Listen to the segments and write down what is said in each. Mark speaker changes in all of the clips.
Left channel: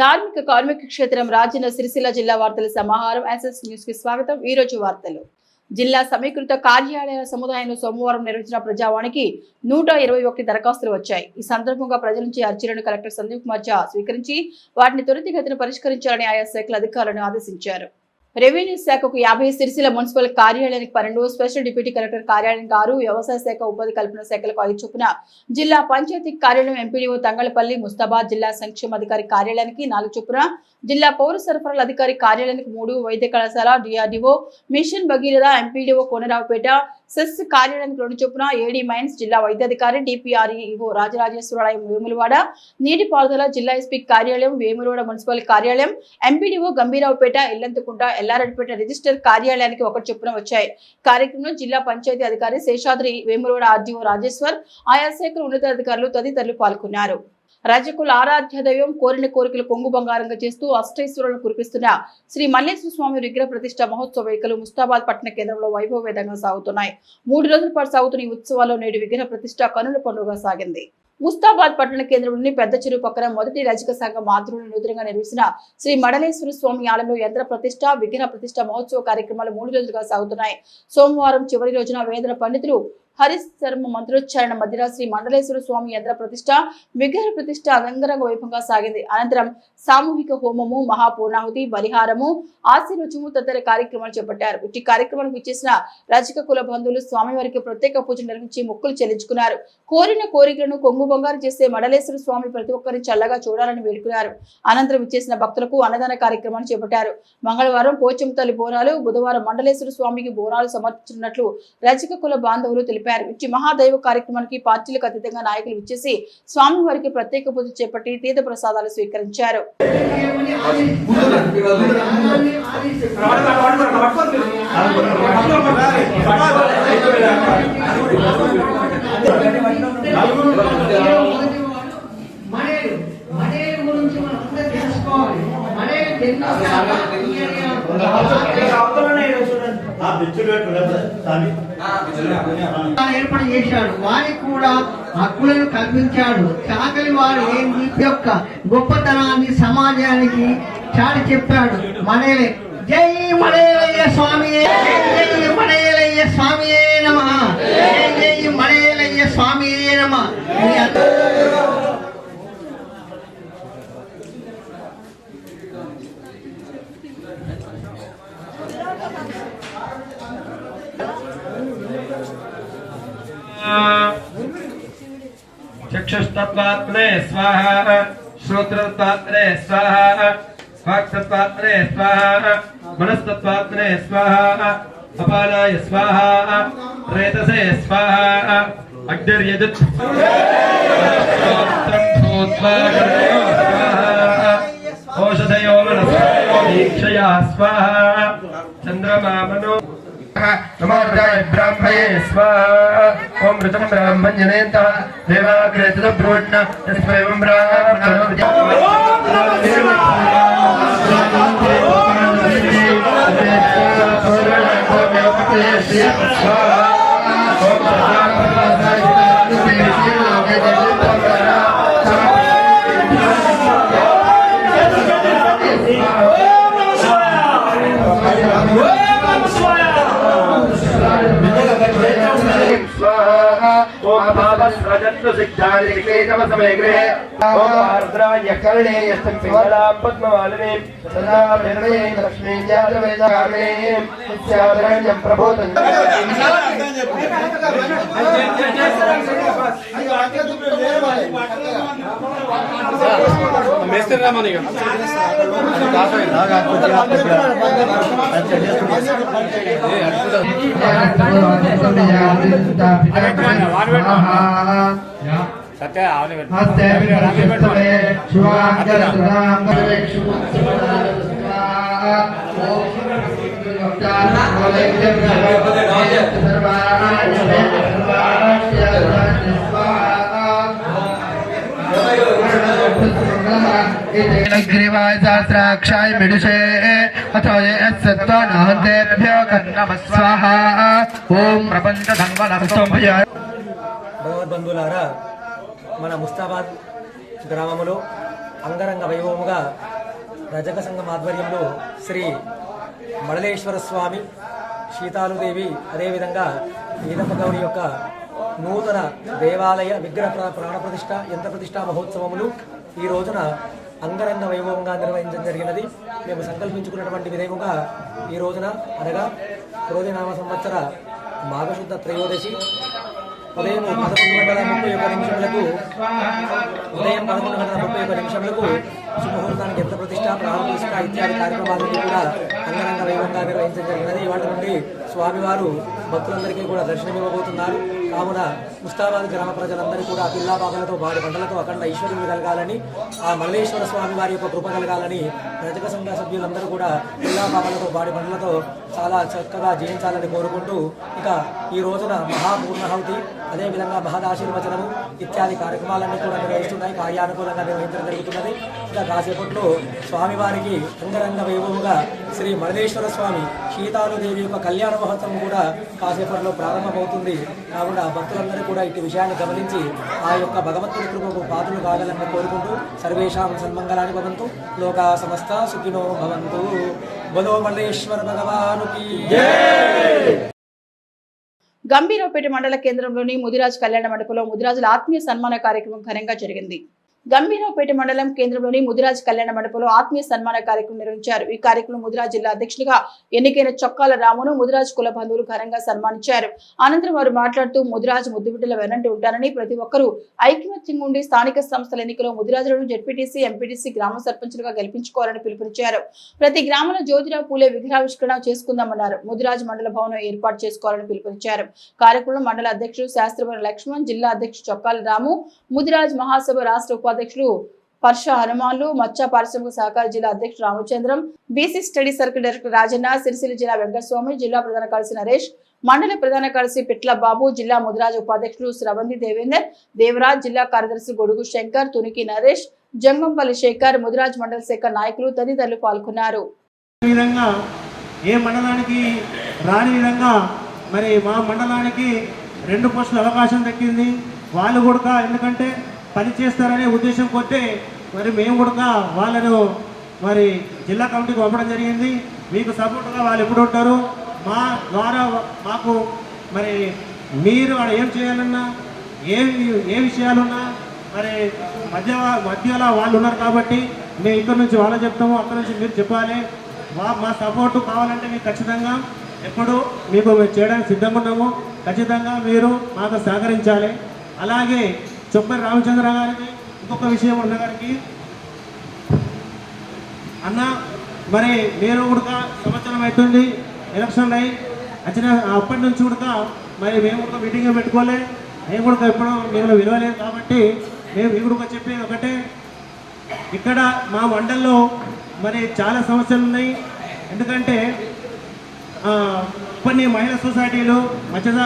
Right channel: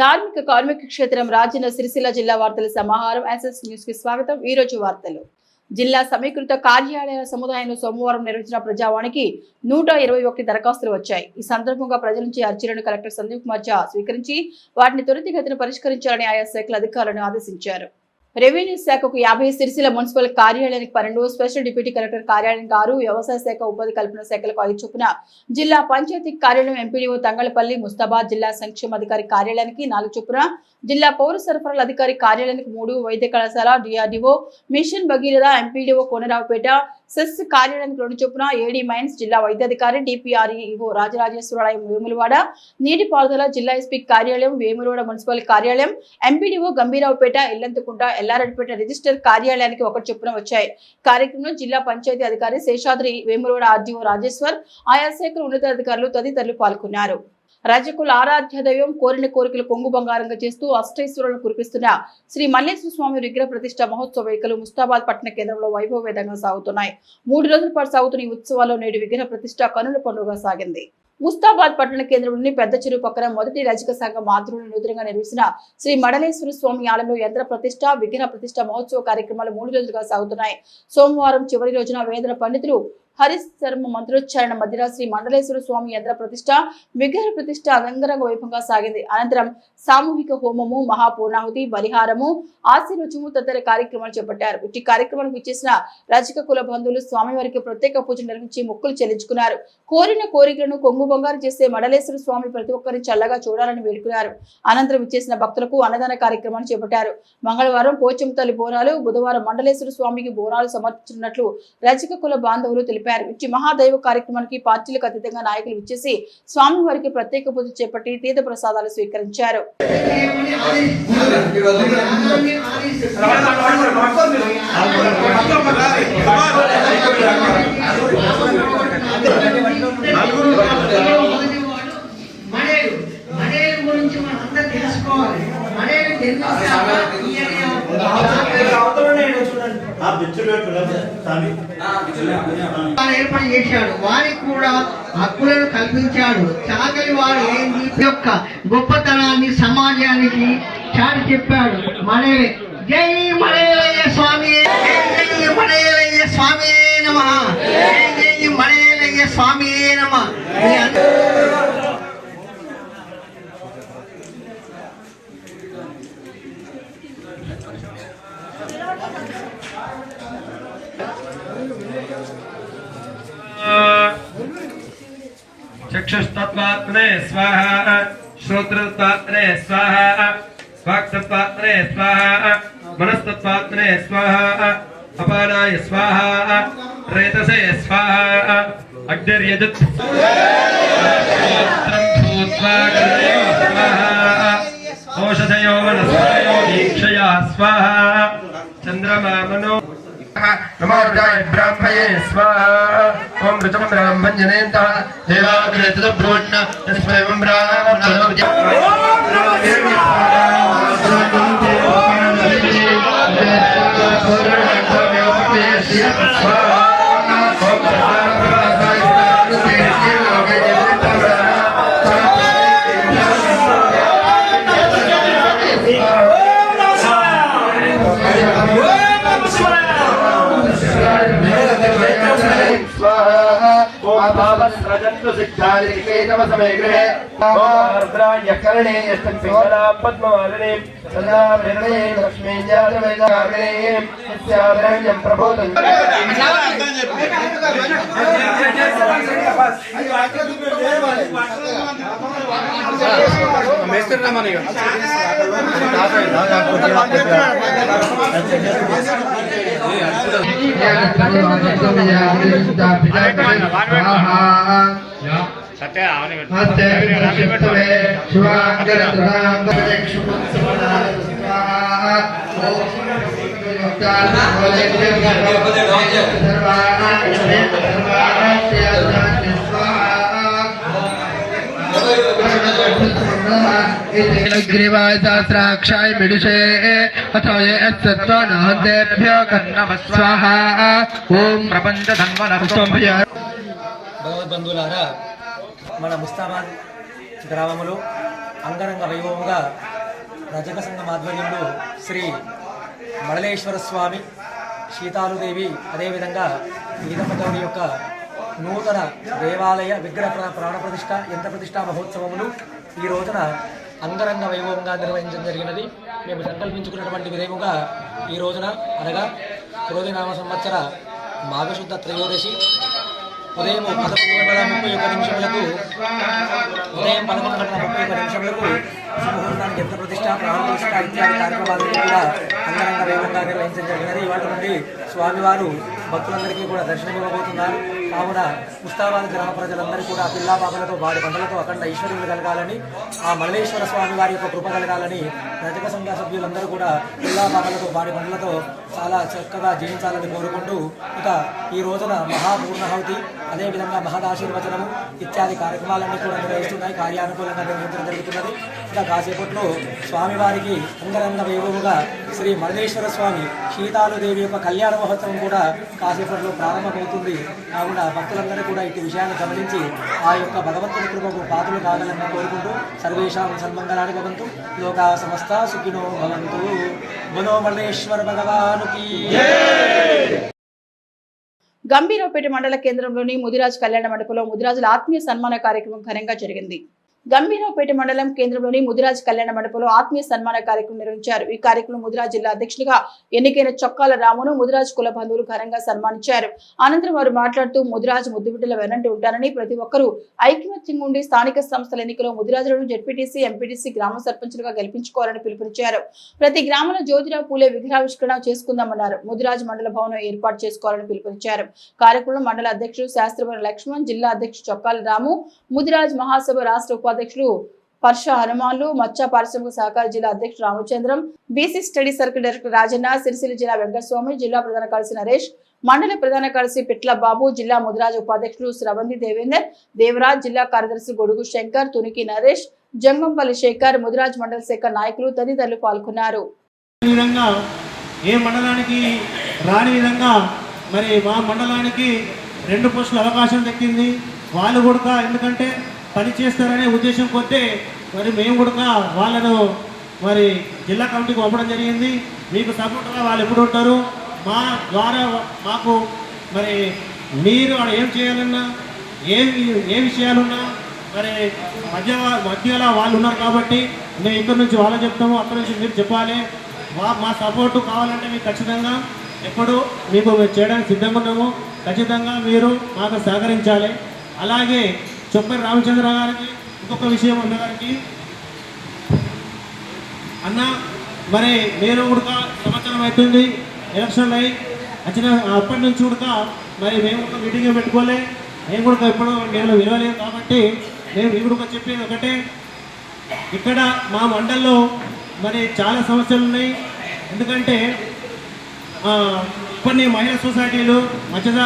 Speaker 1: ధార్మిక కార్మిక క్షేత్రం రాజన్న సిరిసిల్ల జిల్లా వార్తల సమాహారం ఎస్ఎస్ న్యూస్కి స్వాగతం. ఈ రోజు వార్తలు. జిల్లా సమీకృత కార్యాలయాల సముదాయంలో సోమవారం నిర్వహించిన ప్రజావాణికి నూట ఇరవై ఒకటి దరఖాస్తులు వచ్చాయి. ఈ సందర్భంగా ప్రజల నుంచి అర్జీలను కలెక్టర్ సందీప్ కుమార్ ఝా స్వీకరించి వాటిని త్వరితగతిన పరిష్కరించాలని ఆయా శాఖల అధికారులను ఆదేశించారు. రెవెన్యూ శాఖకు యాభై సిరిసిల మున్సిపల్ కార్యాలయానికి పన్నెండు స్పెషల్ డిప్యూటీ కలెక్టర్ కార్యాలయానికి ఆరు వ్యవసాయ శాఖ ఉపాధి కల్పన శాఖలకు ఐదు చొప్పున జిల్లా పంచాయతీ కార్యాలయం ఎంపీడీఓ తంగళపల్లి ముస్తాబాద్ జిల్లా సంక్షేమ అధికారి కార్యాలయానికి నాలుగు చొప్పున జిల్లా పౌర సరఫరాల అధికారి కార్యాలయానికి మూడు వైద్య కళాశాల DRDO mission Bhagiratha MPDO Konaraopet cess కార్యాలయానికి రెండు చొప్పున ఏడీ మైన్స్ జిల్లా వైద్యాధికారి డిపిఆర్ఈఓ రాజరాజేశ్వరాలయం వేములవాడ నీటిపారుదల జిల్లా ఎస్పీ కార్యాలయం వేములవాడ మున్సిపల్ కార్యాలయం ఎంపీడీఓ గంభీరావుపేట ఎల్లంతకుంట ఎల్లారెడ్డిపేట రిజిస్టర్ కార్యాలయానికి ఒకటి చొప్పున వచ్చాయి. కార్యక్రమంలో జిల్లా పంచాయతీ అధికారి శేషాద్రి వేములవాడ ఆర్డీఓ రాజేశ్వర్ ఆయా శాఖల ఉన్నతాధికారులు తదితరులు పాల్గొన్నారు. రజకుల ఆరాధ్య దైవం కోరిన కోరికలు కొంగు బంగారంగా చేస్తూ అష్టైశ్వరులను కురిపిస్తున్న శ్రీ మల్లేశ్వర స్వామి విగ్రహ ప్రతిష్ట మహోత్సవ వేడుకలు ముస్తాబాద్ పట్టణ కేంద్రంలో వైభవవేదంగా సాగుతున్నాయి. మూడు రోజుల పాటు సాగుతున్న ఈ ఉత్సవాల్లో నేడు విగ్రహ ప్రతిష్ట కనుల పండుగ సాగింది. ముస్తాబాద్ పట్టణ కేంద్రంలోని పెద్ద చెరువు పక్కన మొదటి రజక సంఘం ఆధ్వర్యంలో నూతనంగా నిర్మించిన శ్రీ మడలేశ్వర స్వామి ఆలయంలో యంత్ర ప్రతిష్ట విగ్రహ ప్రతిష్ట మహోత్సవ కార్యక్రమాలు మూడు రోజులుగా సాగుతున్నాయి. సోమవారం చివరి రోజున వేదన పండితులు హరిశ్ శర్మ మంత్రోచ్చారణ మధ్య శ్రీ మండలేశ్వర స్వామి యంత్ర ప్రతిష్ట విగ్రహ ప్రతిష్ట అంగరంగ వైభవంగా సాగింది. అనంతరం సామూహిక హోమము మహాపూర్ణాహుతి బలిహారము ఆశీర్వచము తదితర కార్యక్రమాలు చేపట్టారు. ఇట్టి కార్యక్రమానికి ఇచ్చేసిన రజక కుల బంధువులు స్వామివారికి ప్రత్యేక పూజ నిర్వహించి మొక్కులు చెల్లించుకున్నారు. కోరిన కోరికలను కొంగు బంగారు చేసే మడలేశ్వర స్వామి ప్రతి ఒక్కరిని చల్లగా చూడాలని వేడుకున్నారు. అనంతరం ఇచ్చేసిన భక్తులకు అన్నదాన కార్యక్రమాన్ని చేపట్టారు. మంగళవారం పోచం తల్లి బోనాలు బుధవారం మండలేశ్వర స్వామికి బోనాలు సమర్పించినట్లు రజక కుల బాంధవులు తెలిపారు. ఇచ్చి మహాదైవ కార్యక్రమానికి పార్టీలకు అతీతంగా నాయకులు ఇచ్చేసి స్వామివారికి ప్రత్యేక పూజ చేపట్టి తీర్థ ప్రసాదాలు స్వీకరించారు.
Speaker 2: గురించి మనం అందరూ తెలుసుకోవాలి మనేలు తెలిసాక
Speaker 3: ఆ బిచ్చుడు పెట్టు దాన్ని
Speaker 2: ఏర్పాటు చేశాడు. వారికి కూడా హక్కులను కల్పించాడు. చాకలి వారు ఏంది యొక్క గొప్పతనాన్ని సమాజానికి చాటి చెప్పాడు. మనలే జై మనేలయ్య స్వామి. జై మనేలయ్య స్వామి నమ.
Speaker 4: चक्षुस्तत्त्वात्मने स्वाहा श्रोत्रतत्त्वात्मने स्वाहा वाक्तत्वात्मने स्वाहा मनस्तत्वात्मने स्वाहा अपानाय स्वाहा रेतसे स्वाहा अग्निर्यजुत् औषधयो वनस्पतयो दीक्षया स्वाहा चन्द्रमा मनो नमोर्गाय ब्राह्मये स्वाहा ॐ ऋतं ब्राह्मञ्जनेत देवाग्रेतब्रोण्ण तस्मै ॐ ब्राह्मणो स्वाहा पद्मवालिने सदा प्रणये लक्ष्मी जातवेदाग्रे सस्याभरण्यं प्रबोधं మేస్త్రి రామని గారు
Speaker 5: ग्रीवाय सहस्राक्षाय मिडुषे अथो ये यत्सत्त्वनान्तेभ्यो कर्णमस्वाहा ॐ प्रपञ्चधन्वनस्तम्भय
Speaker 6: భగవద్బంధువులారా మన ముస్తాబాద్ గ్రామంలో అంగరంగ వైభవముగా రజక సంఘం ఆధ్వర్యంలో శ్రీ మడలేశ్వర స్వామి సీతాలుదేవి అదేవిధంగా ఈదమ్మ గౌరి యొక్క నూతన దేవాలయ విగ్రహ ప్రాణ ప్రతిష్ట యంత్ర ప్రతిష్ట మహోత్సవములు ఈ రోజున అంగరంగ వైభవంగా నిర్వహించడం జరిగినది. మేము సంకల్పించుకున్నటువంటి విధేముగా ఈ రోజున అనగా క్రోధినామ సంవత్సర మాఘశుద్ధ త్రయోదశి ఉదయం పదకొండు గంటల ముప్పై ఒక్క నిమిషములకు ఉదయం పదకొండు గంటల ముప్పై ఒక్క నిమిషములకు శుభముహూర్తానికి ఎంత ప్రతిష్ట ప్రాణ ఇత్యాది కార్యక్రమాలను కూడా అంగరంగ వేగంగా నిర్వహించడం జరిగినది వాటి నుండి స్వామివారు భక్తులందరికీ కూడా దర్శనమివ్వబోతున్నారు కావున ముస్తాబాద్ గ్రామ ప్రజలందరూ కూడా పిల్లా బాబులతో వారి పంటలతో అఖండ ఐశ్వర్యులు కలగాలని ఆ మల్లేశ్వర స్వామి వారి యొక్క కృప కలగాలని రజక సంఘ సభ్యులందరూ కూడా పిల్లా బాబులతో వారి పంటలతో చాలా చక్కగా జీవించాలని కోరుకుంటూ ఇక ఈ రోజున మహాపూర్ణాహుతి అదేవిధంగా మహదాశీర్వచనము ఇత్యాది కార్యక్రమాలన్నీ కూడా నిర్వహిస్తున్నాయి. కార్యానుకూలంగా నిర్వహించడం జరుగుతున్నది. ఇంకా కాసేపట్లో స్వామివారికి అంగరంగ వైభవముగా శ్రీ మరణేశ్వర స్వామి సీతాలుదేవి యొక్క కళ్యాణ మహోత్సవం కూడా కాసేపట్లో ప్రారంభమవుతుంది. కావున భక్తులందరూ కూడా ఇటు విషయాన్ని గమనించి ఆ యొక్క భగవంతుని కృపకు పాత్రలు కావాలని కోరుకుంటూ సర్వేషాం సన్మంగళాన్ని భవంతు. లోకా సమస్త సుఖినో భవంతు. బలో మల్లేశ్వర భగవానుకి.
Speaker 1: గంభీరపేట మండల కేంద్రంలోని ముదిరాజ్ కళ్యాణ మండపంలో ముదిరాజుల ఆత్మీయ సన్మాన కార్యక్రమం ఘనంగా జరిగింది. గంభీరావుపేట మండలం కేంద్రంలోని ముదిరాజ్ కళ్యాణ మండపంలో ఆత్మీయ సన్మాన కార్యక్రమం నిర్వహించారు. ఈ కార్యక్రమం ముదిరాజ్ జిల్లా అధ్యక్షుడిగా ఎన్నికైన చొక్కాల రామును ముదిరాజ్ కుల బంధువులు ఘనంగా సన్మానించారు. అనంతరం వారు మాట్లాడుతూ ముదిరాజ్ ముద్దుబిడ్డల వెనంటి ఉంటారని ప్రతి ఒక్కరూ ఐకమత్యంగా ఉండి స్థానిక సంస్థల ఎన్నికలో ముదిరాజులను జెడ్పీటీసీ ఎంపీటీసీ గ్రామ సర్పంచులుగా గెలిపించుకోవాలని పిలుపునిచ్చారు. ప్రతి గ్రామంలో జ్యోతిరావు పూలే విగ్రహావిష్కరణ చేసుకుందామన్నారు. ముదిరాజ్ మండల భవనం ఏర్పాటు చేసుకోవాలని పిలుపునిచ్చారు. కార్యక్రమంలో మండల అధ్యక్షుడు శాస్త్రవరం లక్ష్మణ్ జిల్లా అధ్యక్షుడు చొక్కాల రాము ముదిరాజ్ మహాసభ రాష్ట్ర ఉపాధ్యక్షులు పర్ష హనుమాన్లు మత్స్య పారిశ్రామిక సహకార జిల్లా అధ్యక్షుడు Ramachandram BC study circle director Rajanna Sircilla జిల్లా వెంకటస్వామి జిల్లా ప్రధాన కార్యదర్శి నరేష్ మండల ప్రధాన కార్యదర్శి పిట్ల బాబు జిల్లా ముదిరాజ్ ఉపాధ్యక్షులు శ్రవంతి దేవేందర్ దేవరాజ్ జిల్లా కార్యదర్శి గొడుగు శంకర్ తునికి నరేష్ జంగంపల్లి శేఖర్ ముదిరాజ్ మండల శాఖ నాయకులు తదితరులు పాల్గొన్నారు.
Speaker 7: ఏ మండలానికి రాని విధంగా మరి మా మండలానికి రెండు పోస్టుల అవకాశం దక్కింది. వాళ్ళు కూడా ఎందుకంటే పని చేస్తారనే ఉద్దేశం కొద్దే మరి మేము కూడా వాళ్ళను మరి జిల్లా కమిటీకి పంపడం జరిగింది. మీకు సపోర్ట్గా వాళ్ళు ఎప్పుడు ఉంటారు? మా ద్వారా మాకు మరి మీరు ఆడ ఏం చేయాలన్నా ఏ ఏ విషయాలున్నా మరి మధ్య మధ్యలో వాళ్ళు ఉన్నారు కాబట్టి మేము ఇక్కడ నుంచి వాళ్ళని చెప్తాము అక్కడ నుంచి మీరు చెప్పాలి. మా సపోర్టు కావాలంటే మీకు ఖచ్చితంగా ఎప్పుడు మీకు చేయడానికి సిద్ధంగా ఉన్నాము. ఖచ్చితంగా మీరు మాకు సహకరించాలి. అలాగే చొప్పరి రామచంద్ర గారికి ఇంకొక విషయం అన్న గారికి. అన్న మరి నేను కూడా సంవత్సరం అవుతుంది ఎలక్షన్లు అయి వచ్చిన అప్పటి నుంచి కూడా మరి మేము కూడా మీటింగ్ పెట్టుకోలే మేము కూడా ఎప్పుడు మేము విలువలేదు కాబట్టి మేము ఇప్పుడు చెప్పేది ఒకటే. ఇక్కడ మా మండల్లో మరి చాలా సమస్యలు ఉన్నాయి. ఎందుకంటే కొన్ని మహిళా సొసైటీలు మత్స్య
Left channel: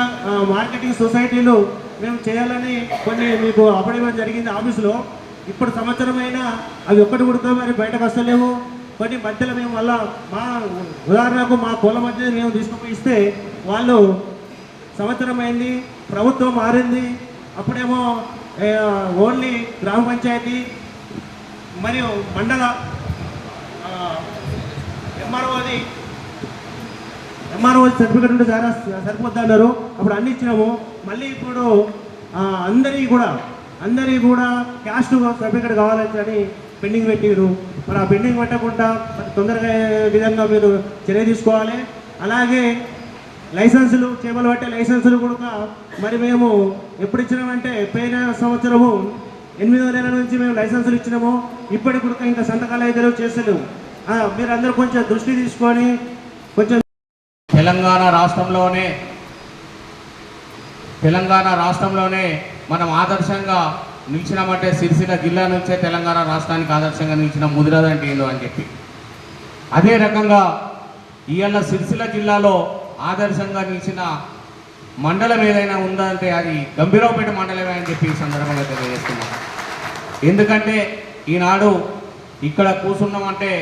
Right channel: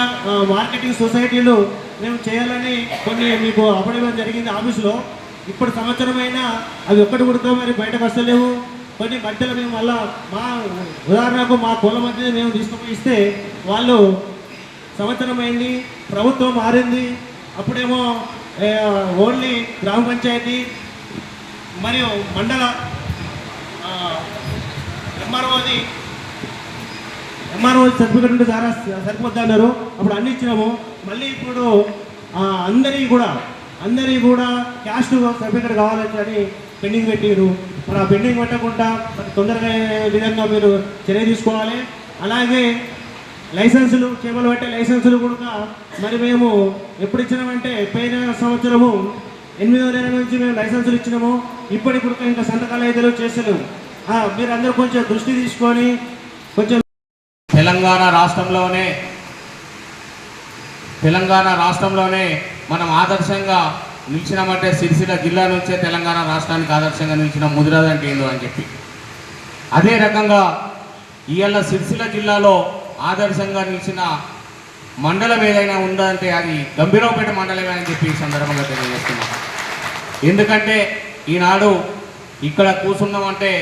Speaker 7: మార్కెటింగ్ సొసైటీలు మేము చేయాలని కొన్ని మీకు అప్పడం జరిగింది ఆఫీసులో. ఇప్పుడు సంవత్సరమైనా అవి ఒక్కటి కూడా మరి బయటకు వస్తలేవు. కొన్ని మధ్యలో మేము మళ్ళా మా ఉదాహరణకు మా కుల మధ్య మేము తీసుకుపోయి ఇస్తే వాళ్ళు సంవత్సరమైంది ప్రభుత్వం మారింది. అప్పుడేమో ఓన్లీ గ్రామ పంచాయతీ మరియు మండల ఎంఆర్ఓది ఎంఆర్ఓ సర్టిఫికెట్ ఉంటే సరిపోద్ది అన్నారు. అప్పుడు అన్ని ఇచ్చినాము. మళ్ళీ ఇప్పుడు అందరి కూడా అందరి కూడా క్యాస్ట్ సర్టిఫికేట్ కావాలని అని పెండింగ్ పెట్టిరు మరి ఆ పెండింగ్ పెట్టకుండా మరి తొందరగా విధంగా మీరు చర్య తీసుకోవాలి? అలాగే లైసెన్సులు చేపలు పట్టే లైసెన్సులు కూడా మరి మేము ఎప్పుడు ఇచ్చినామంటే పోయిన సంవత్సరము ఎనిమిదో నెల నుంచి మేము లైసెన్సులు ఇచ్చినాము. ఇప్పటికి కూడా ఇంకా సంతకాలు అయితే చేస్తలేము మీరు అందరూ కొంచెం దృష్టి తీసుకొని కొంచెం
Speaker 8: తెలంగాణ రాష్ట్రంలోనే తెలంగాణ రాష్ట్రంలోనే మనం ఆదర్శంగా నిలిచినామంటే సిరిసిల్ల జిల్లా నుంచే తెలంగాణ రాష్ట్రానికి ఆదర్శంగా నిలిచిన ముదిరాజ్ ఏందో అని చెప్పి. అదే రకంగా ఇవాళ సిరిసిల్ల జిల్లాలో ఆదర్శంగా నిలిచిన మండలం ఏదైనా ఉందంటే అది గంభీరావుపేట మండలమే అని చెప్పి ఈ సందర్భంగా తెలియజేస్తున్నాం. ఎందుకంటే ఈనాడు ఇక్కడ కూర్చున్నామంటే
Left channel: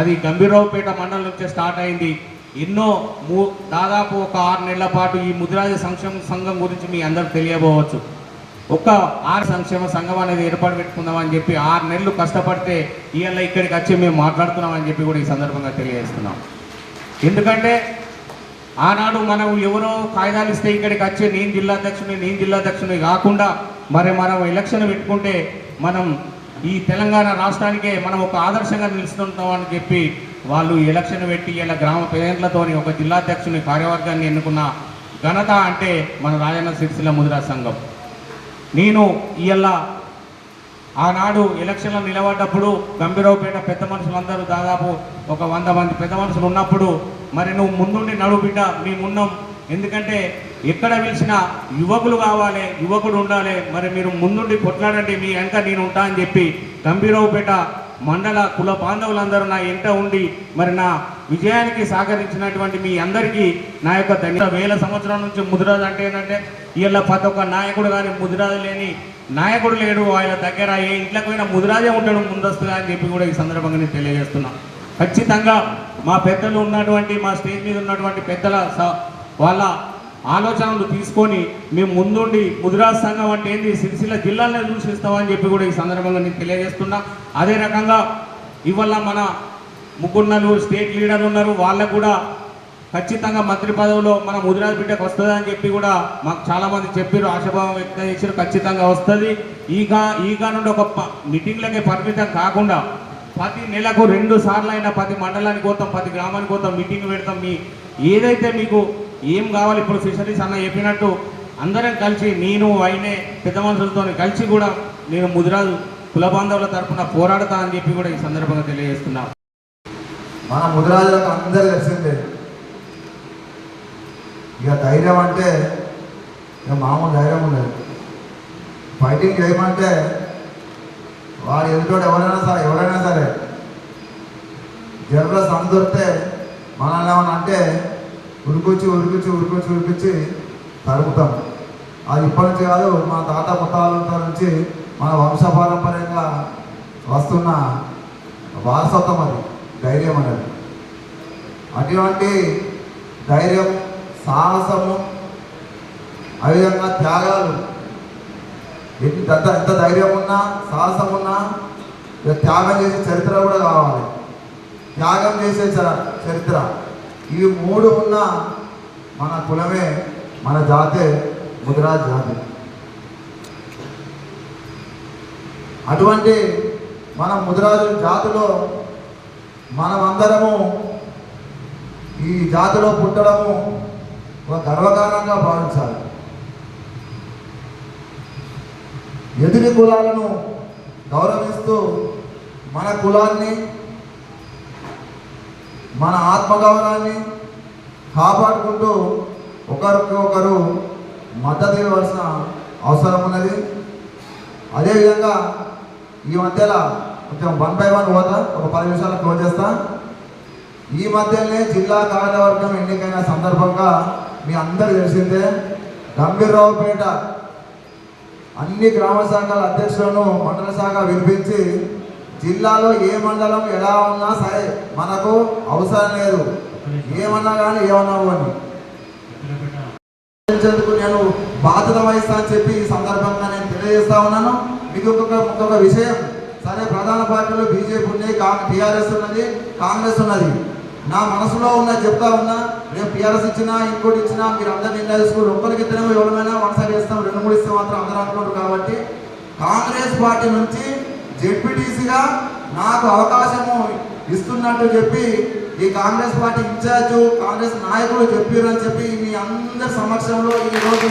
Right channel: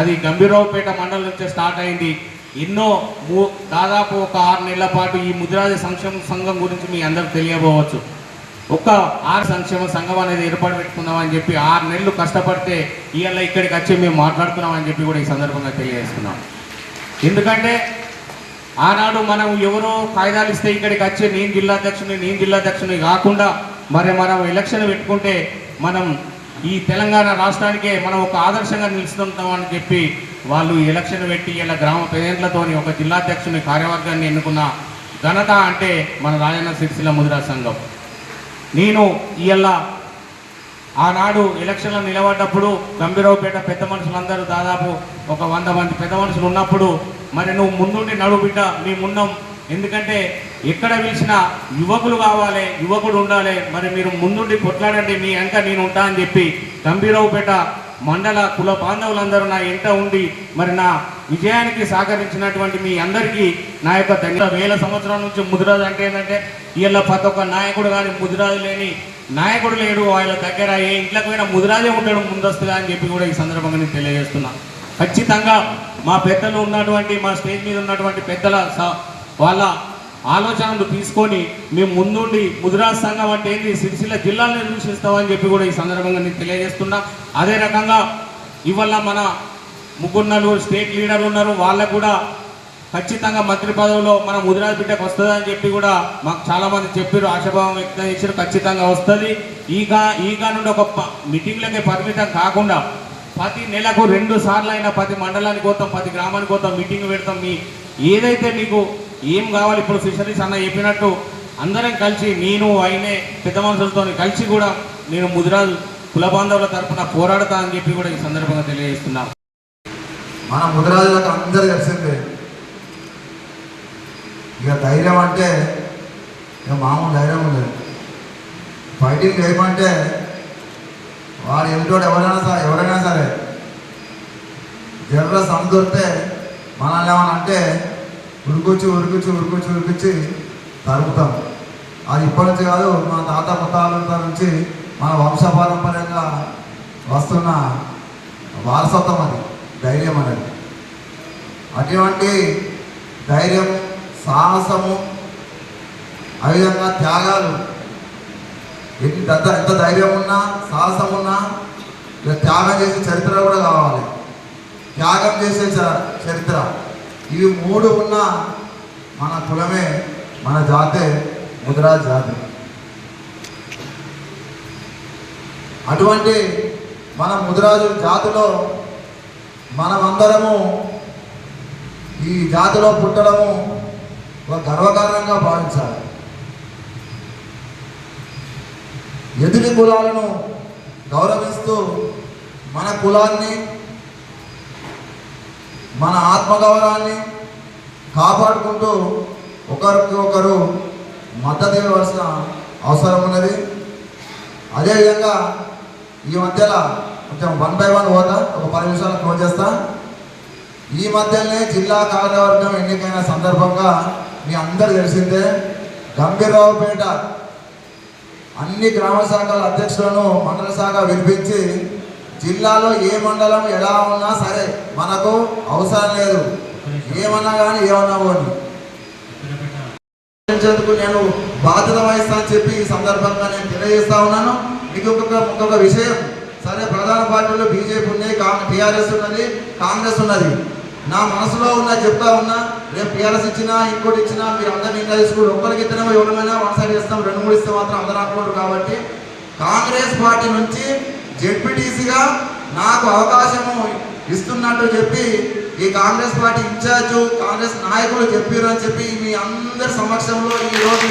Speaker 8: అది గంభీరావుపేట మండలం నుంచే స్టార్ట్ అయింది. ఎన్నో మూ- దాదాపు ఒక ఆరు నెలల పాటు ఈ ముదిరాజు సంక్షేమ సంఘం గురించి మీ అందరూ తెలియబోవచ్చు. ఒక ఆరు సంక్షేమ సంఘం అనేది ఏర్పాటు పెట్టుకుందామని చెప్పి ఆరు నెలలు కష్టపడితే ఇవాళ ఇక్కడికి వచ్చి మేము మాట్లాడుతున్నామని చెప్పి కూడా ఈ సందర్భంగా తెలియజేస్తున్నాం. ఎందుకంటే ఆనాడు మనం ఎవరో కాగితాలు ఇస్తే ఇక్కడికి వచ్చి నేను జిల్లా అధ్యక్షుని నేను జిల్లా అధ్యక్షుని కాకుండా మరి మనం ఎలక్షన్ పెట్టుకుంటే మనం ఈ తెలంగాణ రాష్ట్రానికే మనం ఒక ఆదర్శంగా నిలుస్తుంటామని చెప్పి వాళ్ళు ఎలక్షన్ పెట్టి ఇలా గ్రామ ప్రజలతోని ఒక జిల్లాధ్యక్షుని కార్యవర్గాన్ని ఎన్నుకున్న ఘనత అంటే మన రాజన్న సిరిసిల్ల ముదిరా సంఘం. నేను ఇవాళ ఆనాడు ఎలక్షన్లో నిలబడ్డప్పుడు గంభీరావుపేట పెద్ద మనుషులందరూ దాదాపు ఒక వంద మంది పెద్ద మనుషులు ఉన్నప్పుడు మరి నువ్వు ముందుండి నడువు బిడ్డ మేమున్నాం ఎందుకంటే ఎక్కడ పిలిచినా యువకులు కావాలి యువకుడు ఉండాలి. మరి మీరు ముందుండి కొట్లాడండి మీ వెంక నేను ఉంటా అని చెప్పి గంభీరావుపేట మండల కుల బాంధవులందరూ నా ఎంట ఉండి మరి నా విజయానికి సహకరించినటువంటి మీ అందరికీ నా యొక్క దగ్గర వేల సంవత్సరాల నుంచి ముదిరాజు అంటే ఏంటంటే వీళ్ళ ప్రతి ఒక్క నాయకుడు కానీ ముదిరాజు లేని నాయకుడు లేడు. వాళ్ళ దగ్గర ఏ ఇంట్లోకి పోయినా ముదిరాజే ఉంటాడు ముందస్తుగా అని చెప్పి కూడా ఈ సందర్భంగా నేను తెలియజేస్తున్నా. ఖచ్చితంగా మా పెద్దలు ఉన్నటువంటి మా స్టేజ్ మీద ఉన్నటువంటి పెద్దల స- వాళ్ళ ఆలోచనలు తీసుకొని మేము ముందుండి ముదిరాజ్ సంఘం అంటే ఏంది? సిరిసిల్ల జిల్లాలను సూచిస్తామని చెప్పి కూడా ఈ సందర్భంగా నేను తెలియజేస్తున్నా. అదే రకంగా ఇవాళ మన ముగ్గురు నలుగురు స్టేట్ లీడర్లు ఉన్నారు. వాళ్ళకు కూడా ఖచ్చితంగా మంత్రి పదవిలో మన ముదిరాజ్ బిడ్డకు వస్తుంది అని చెప్పి కూడా మాకు చాలామంది చెప్పారు ఆశాభావం వ్యక్తం చేశారు ఖచ్చితంగా వస్తుంది. ఈగా ఈగా నుండి ఒక మీటింగ్లకే పరిమితం కాకుండా ప్రతి నెలకు రెండు సార్లు అయినా ప్రతి మండలానికి పోతాం ప్రతి గ్రామానికి పోతాం మీటింగ్ పెడతాం. మీ ఏదైతే మీకు ఏం కావాలి ఇప్పుడు ఫిషరీస్ అన్న చెప్పినట్టు అందరం కలిసి నేను ఆయనే పెద్ద మనుషులతో కలిసి కూడా నేను ముదిరాజు కుల బాంధవుల తరపున పోరాడతా అని చెప్పి కూడా ఈ సందర్భంగా తెలియజేస్తున్నాం.
Speaker 9: మన ముదిరాజులకు అందరు తెలిసిందే. ఇక ధైర్యం అంటే ఇక మామూలు ధైర్యం ఉండదు. ఫైటింగ్ చేయమంటే వాడు ఎంటోడు ఎవరైనా సరే ఎవరైనా సరే జర్ర సమదొరితే మనల్ని ఏమన్నా అంటే ఉరికొచ్చి ఉరికొచ్చి ఉరికొచ్చి ఉరికొచ్చి తరుగుతాం అది ఇప్పటి నుంచి కాదు మా తాత ముత్తాలంతా నుంచి మన వంశపారంపర్యంగా వస్తున్న వారసత్వం అది ధైర్యం అనేది. అటువంటి ధైర్యం సాహసము అదేవిధంగా త్యాగాలు ఎంత ఎంత ధైర్యం ఉన్నా సాహసం ఉన్నా ఇక త్యాగం చేసే చరిత్ర కూడా కావాలి. త్యాగం చేసే చ- చరిత్ర. ఇవి మూడు ఉన్న మన కులమే మన జాతే ముదిరాజ్ జాతి. అటువంటి మన ముదిరాజు జాతిలో మనమందరము ఈ జాతిలో పుట్టడము ఒక గర్వకారణంగా భావించాలి. ఎదుటి కులాలను గౌరవిస్తూ మన కులాన్ని మన ఆత్మగౌరవాన్ని కాపాడుకుంటూ ఒకరికి ఒకరు మద్దతు ఇవ్వవలసిన అవసరం ఉన్నది. అదేవిధంగా ఈ మధ్యలో కొంచెం వన్ బై వన్ పోతా ఒక పది నిమిషాలు క్లోజ్ చేస్తా. ఈ మధ్యనే జిల్లా కార్యవర్గం ఎన్నికైన సందర్భంగా మీ అందరు తెలిసిందే గంభీరరావుపేట అన్ని గ్రామ శాఖల అధ్యక్షులను మండల శాఖ వినిపించి జిల్లాలో ఏ మండలం ఎలా ఉన్నా సరే మనకు అవసరం లేదు. ఏమన్నా కానీ ఏమన్నా కానీ నేను బాధ్యత వహిస్తా అని చెప్పి ఈ సందర్భంగా నేను తెలియజేస్తా ఉన్నాను. మీకు ఇంకొక ఇంకొక విషయం. సరే ప్రధాన పార్టీలో బీజేపీ ఉన్నాయి టీఆర్ఎస్ ఉన్నది కాంగ్రెస్ ఉన్నది. నా మనసులో ఉన్న చెప్తా ఉన్నా రేపు టీఆర్ఎస్ ఇచ్చినా ఇంకోటి ఇచ్చినా మీరు అందరు నిర్ణయం తీసుకుని ఒక్కరికి ఇచ్చినా ఎవరైనా వన్ సైడ్ ఇస్తాం రెండు మూడు ఇస్తే మాత్రం అందరూ అనుకున్నారు కాబట్టి కాంగ్రెస్ పార్టీ నుంచి జెడ్పీటీసీగా నాకు అవకాశము ఇస్తున్నట్టు చెప్పి ఈ కాంగ్రెస్ పార్టీ ఇన్ఛార్జ్ కాంగ్రెస్ నాయకులు చెప్పారు అని చెప్పి మీ అందరి సమక్షంలో ఈ రోజు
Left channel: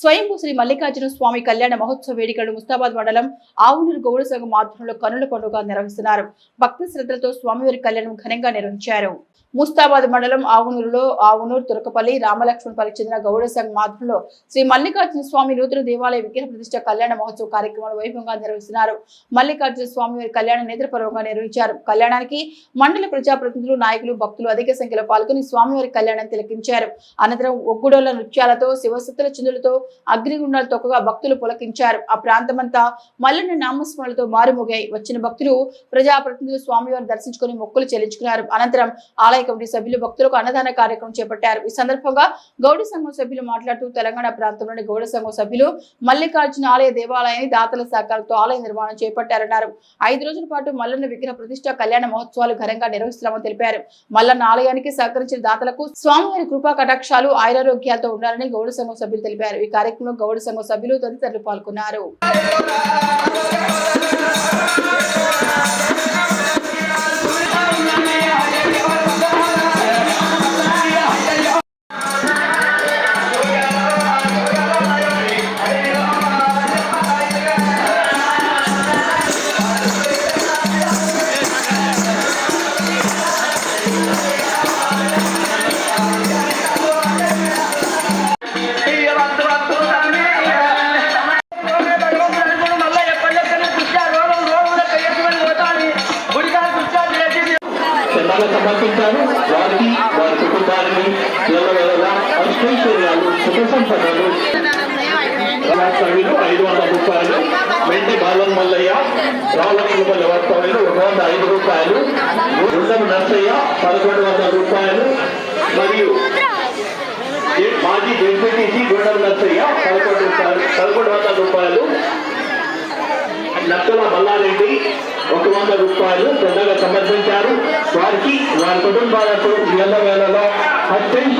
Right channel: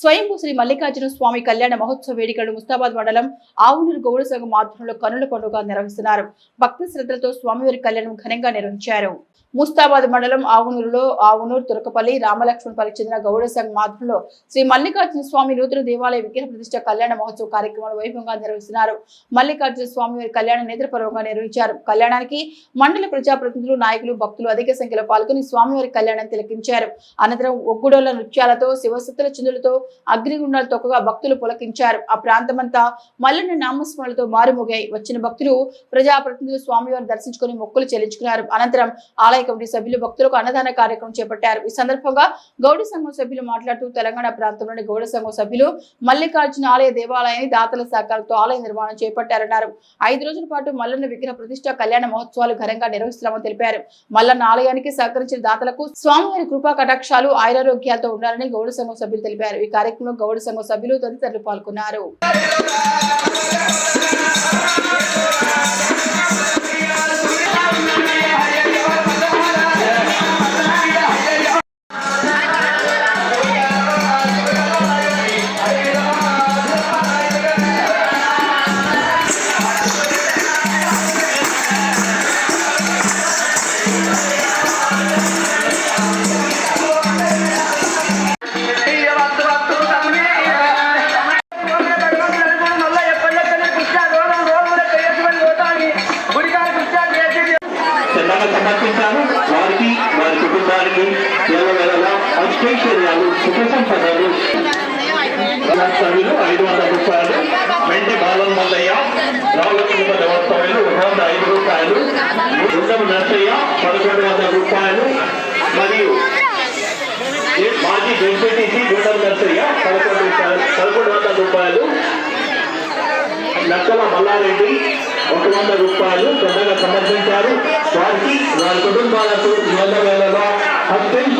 Speaker 1: స్వయంభూ శ్రీ మల్లికార్జున స్వామి కళ్యాణ మహోత్సవ వేడుకలు ముస్తాబాద్ మండలం ఆవునూరు గౌడ సంఘం ఆధ్వర్యంలో కనుల పండుగ నిర్వహిస్తున్నారు. భక్తి శ్రద్ధలతో స్వామివారి కళ్యాణం ఘనంగా నిర్వహించారు. ముస్తాబాద్ మండలం ఆవునూరులో ఆవునూరు తురకపల్లి రామలక్ష్మణపల్లి చెందిన గౌడ సంఘ్ ఆధ్వర్యంలో శ్రీ మల్లికార్జున స్వామి నూతన దేవాలయ విగ్రహ ప్రతిష్ట కళ్యాణ మహోత్సవ కార్యక్రమాలు వైభవంగా నిర్వహిస్తున్నారు. మల్లికార్జున స్వామి వారి కళ్యాణ నేత్రపర్వంగా నిర్వహించారు. కళ్యాణానికి మండల ప్రజాప్రతినిధులు నాయకులు భక్తులు అధిక సంఖ్యలో పాల్గొని స్వామివారి కళ్యాణం తిలకించారు. అనంతరం ఒగ్గుడోల నృత్యాలతో శివశక్తుల చిందులతో అగ్నిగుండాలు తొక్కగా భక్తులు పులకించారు. ఆ ప్రాంతమంతా మల్లన్న నామస్మరణలతో మారుమోగాయి. వచ్చిన భక్తులు ప్రజాప్రతినిధులు స్వామివారిని దర్శించుకుని మొక్కులు చెల్లించుకున్నారు. అనంతరం ఆలయ కమిటీ సభ్యులు భక్తులకు అన్నదాన కార్యక్రమం చేపట్టారు. ఈ సందర్భంగా గౌడ సంఘం సభ్యులు మాట్లాడుతూ తెలంగాణ ప్రాంతంలోని గౌడ సంఘం సభ్యులు మల్లికార్జున ఆలయ దేవాలయాన్ని దాతల సహకారంతో ఆలయ నిర్మాణం చేపట్టారన్నారు. ఐదు రోజుల పాటు మల్లన్న విగ్రహ ప్రతిష్ట కళ్యాణ మహోత్సవాలు ఘనంగా నిర్వహిస్తున్నామని తెలిపారు. మల్లన్న ఆలయానికి సహకరించిన దాతలకు స్వామివారి కృపా కటాక్షాలు ఆయురారోగ్యాలతో ఉండాలని గౌడ సంఘం సభ్యులు తెలిపారు. ఈ కార్యక్రమంలో గౌడ సంఘం సభ్యులు తదితరులు పాల్గొన్నారు.
Speaker 3: మరియు మాజీ జడ్పీటీసీ గుండం నర్సయ్య పదకొండు రూపాయలు పదకొండు వందల రూపాయలు. నక్కల మల్లారెడ్డి ఒక వంద రూపాయలు పెద్దగా సమర్పించారు. వారికి వారి కుటుంబాలకు నెల
Speaker 6: నెలలో అత్యంత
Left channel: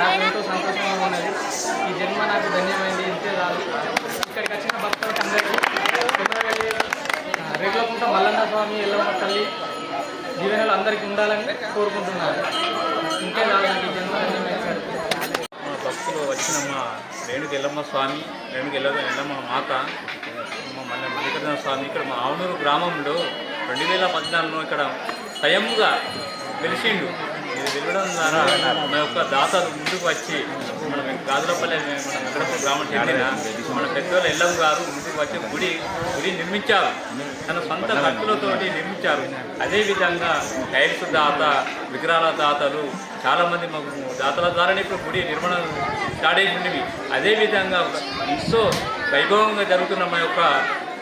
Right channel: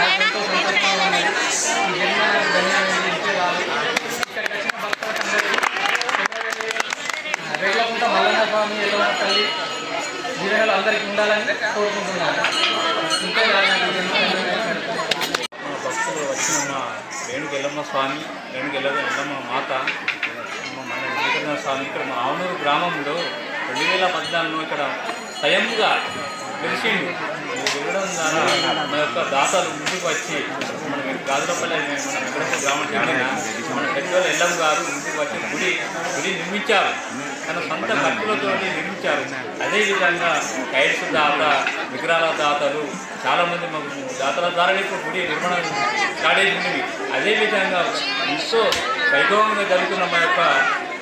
Speaker 6: నాకు ఎంతో సంతోషంగా ఉన్నాయి ఈ జన్మ నాకు ధన్యమైంది ఇంతే కాదు ఇక్కడికి వచ్చిన భక్తులకు అందరికీ కుమరవెల్లి రేగులకుంట మల్లన్న స్వామి ఎల్లమ్మ తల్లి జీవనాలు అందరికీ ఉండాలని కోరుకుంటున్నాను ఇంతే కాదు నాకు ఈ జన్మ
Speaker 10: మా భక్తులు వచ్చిన మా రేణుకి ఎల్లమ్మ స్వామి రేణుకి ఎల్లమ్మ ఎల్లమ్మ మాత మన మల్ల మల్లికార్జున స్వామి ఇక్కడ మా ఆవునూరు గ్రామంలో రెండు వేల పద్నాలుగులో ఇక్కడ స్వయంగా గెలిచిండు. ఇది ద్వారా మన యొక్క దాతలు ముందుకు వచ్చి మనం గాజులపల్లి మనం ఎక్కడప్పుడు గ్రామం చెందిన మన పెద్దవాళ్ళ ఎల్లం గారు ముందుకు వచ్చి గుడి గుడి నిర్మించారు. తన సొంత ఖర్చులతో నిర్మించారు. అదేవిధంగా టైల్స్ దాత విగ్రహాల దాతలు చాలామంది మాకు దాతల ద్వారానే ఇప్పుడు గుడి నిర్మాణం స్టార్ట్ అయిపోయినవి అదేవిధంగా ఎంతో వైభవంగా జరుగుతున్న మా యొక్క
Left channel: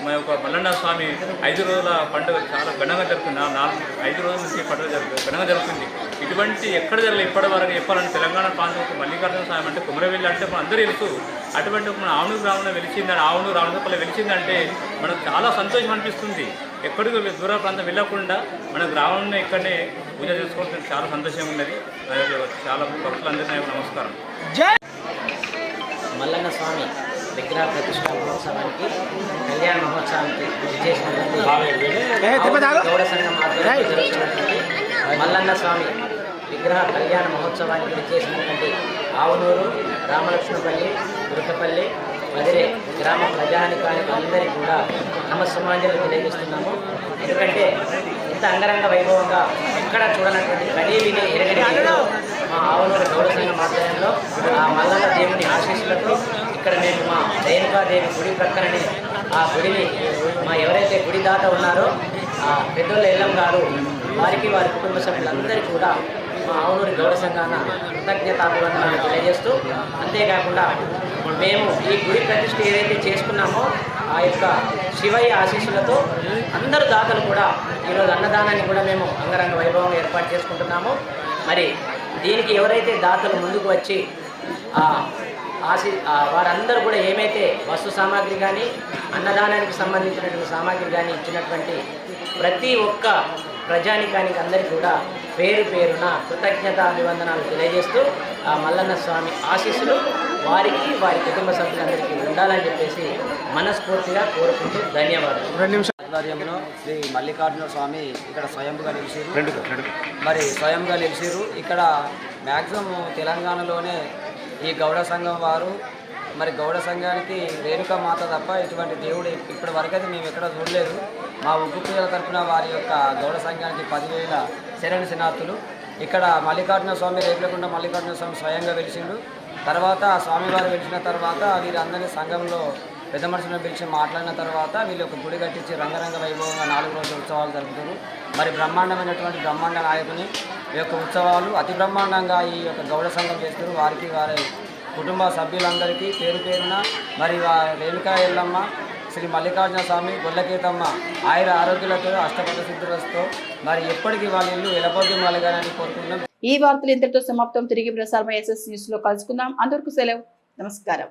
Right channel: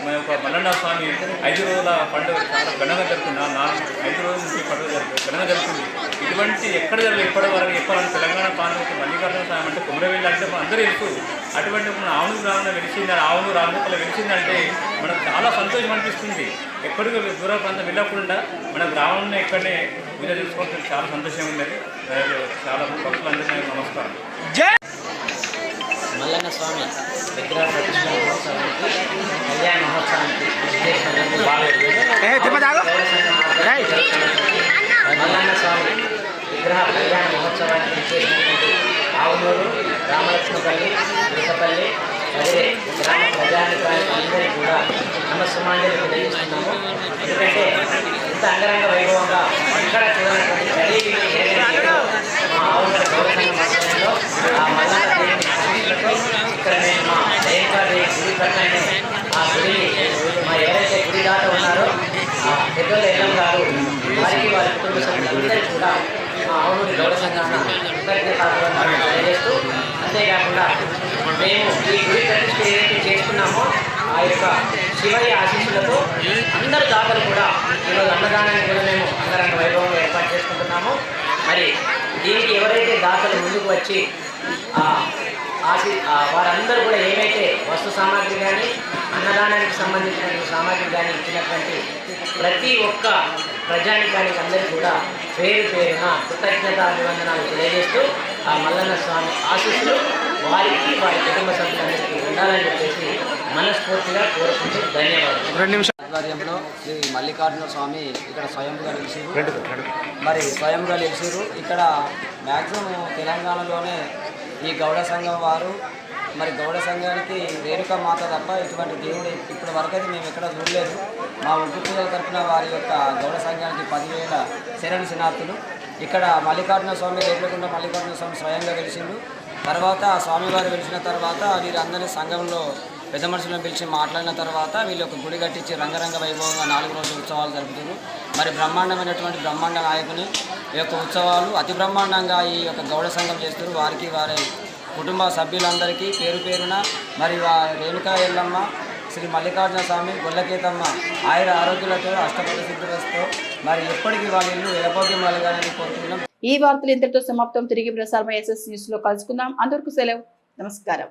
Speaker 10: మా యొక్క మల్లన్న స్వామి ఐదు రోజుల పండుగ చాలా ఘనంగా జరుగుతుంది నాలుగు ఐదు రోజుల నుంచి పండుగ జరుగుతుంది ఘనంగా జరుగుతుంది ఇటువంటి ఎక్కడ జరగలేదు ఇప్పటి వరకు చెప్పాలని తెలంగాణ ప్రాంతం మల్లికార్జున స్వామి అంటే కుమరవెల్లి అంటే మనం అందరూ తెలుసు. అటువంటి మన ఆవును గ్రామంలో వెలిచింది ఆవును రామచప్పలో వెలిచిందంటే మనకు చాలా సంతోషం అనిపిస్తుంది. ఎక్కడికి దూర ప్రాంతం వెళ్ళకుండా మన గ్రామంలో ఇక్కడనే పూజ చేసుకోవడం చాలా సంతోషంగా ఉన్నది. చాలా భక్తులందరికీ నమస్కారం.
Speaker 11: మల్లన్న స్వామి విగ్రహ ప్రతిష్ట మహోత్సవానికి కళ్యాణ మహోత్సవానికి మల్లన్న స్వామి విగ్రహ కళ్యాణ మహోత్సవానికి విచ్చేసినటువంటి ఆవునూరు రామలక్ష్మపల్లి తిరుపల్లి మదిరే గ్రామ ప్రజానికానికి అందరికీ కూడా నమస్సమాంజలి తెలియజేస్తున్నాము. ఎందుకంటే ఇంత అంగరంగ వైభవంగా ఇక్కడ చూడనటువంటి గరీబిని ఏదైతే ఆవుల గౌరవమైన గౌడ ఆ మల్లన్న దేవుని ఆశీస్సులతో ఇక్కడ మేము మా రేణుకాదేవి గుడి ప్రక్కనే ఆ గుడిని మా ఎవరైతే గుడి దాత ఉన్నారో ఆ పెద్దోళ్ళ ఎల్లం గారు వారికి వారి కుటుంబ సభ్యులందరూ కూడా మా ఆవులూరి గౌరవ సంఘాన కృతజ్ఞతాభివందనాలు తెలియజేస్తూ అంతేకాకుండా మేము ఈ గుడి ప్రతిష్ఠ ఏదైతే చేసుకున్నామో ఆ యొక్క శివయ్య ఆశీస్సులతో అందరు దాతలు కూడా ఈరోజు అన్నదానాన్ని కూడా మేము అంగరంగ వైభవం ఏర్పాటు చేసుకుంటున్నాము. మరి దీనికి ఎవరైతే దాతలు ముందుకు వచ్చి ఆశి ఆశీ వారందరూ కూడా ఏమైతే వస్తు సామాగ్రి కానీ అన్నదానానికి సంబంధించినటువంటి సామాగ్రి కానీ ఇచ్చినటువంటి ప్రతి ఒక్క ప్రజానికానికి అందరికీ కూడా పేరు పేరున కృతజ్ఞత అభివందనాలు తెలియజేస్తూ ఆ మల్లన్న స్వామి ఆశీస్సులు వారికి వారి కుటుంబ సభ్యులందరికీ ఉండాలని చెప్పేసి మనస్ఫూర్తిగా కోరుకుంటూ ధన్యవాదాలు. ఆధ్వర్యంలో శ్రీ మల్లికార్జున స్వామి ఇక్కడ స్వయంగా నిలిచిరు మరి స్వయంగా నిలిచిరు ఇక్కడ మ్యాక్సిమం తెలంగాణలోనే ఈ గౌడ సంఘం వారు మరి గౌడ సంఘానికి రేణుకా మాత తప్ప ఇటువంటి దేవుడు ఇప్పటి వరకైతే మేము ఎక్కడ చూడలేదు. మా ఉగ్గు పూజల తరపున వారి యొక్క గౌడ సంఘానికి పదివేల శరణి శనార్థులు ఇక్కడ మల్లికార్జున స్వామి రేపులకుండా మల్లికార్జున స్వామి స్వయంగా వెలిసిండు. తర్వాత ఆ స్వామివారు వెలిసిన తర్వాత వీరందరినీ సంఘంలో పెద్ద మనుషులను పిలిచి మాట్లాడిన తర్వాత వీళ్ళు ఒక గుడి కట్టించి రంగరంగ వైభవంగా నాలుగు రోజుల ఉత్సవాలు జరుపుతారు మరి బ్రహ్మాండమైనటువంటి బ్రహ్మాండ నాయకుని ఈ యొక్క ఉత్సవాలు అతి బ్రహ్మాండంగా ఈ యొక్క గౌడ సంఘం చేస్తారు వారికి వారి కుటుంబ సభ్యులందరికీ పేరు పేరున మరి రేణుకా ఎల్లమ్మ శ్రీ మల్లికార్జున స్వామి గొల్లకేతమ్మ ఆయుర ఆరోగ్యాలతో అష్టపద సిద్ధులతో మరి ఎప్పటికీ వాళ్ళ ఇల్లు ఎలభోగ్యం కలగాలని కోరుకుంటున్నాం.
Speaker 1: ఈ వార్తలు ఇంతటితో సమాప్తం. తిరిగి ప్రసారం ఎస్ఎస్ న్యూస్లో కలుసుకుందాం. అందరికీ సెలవు. నమస్కారం.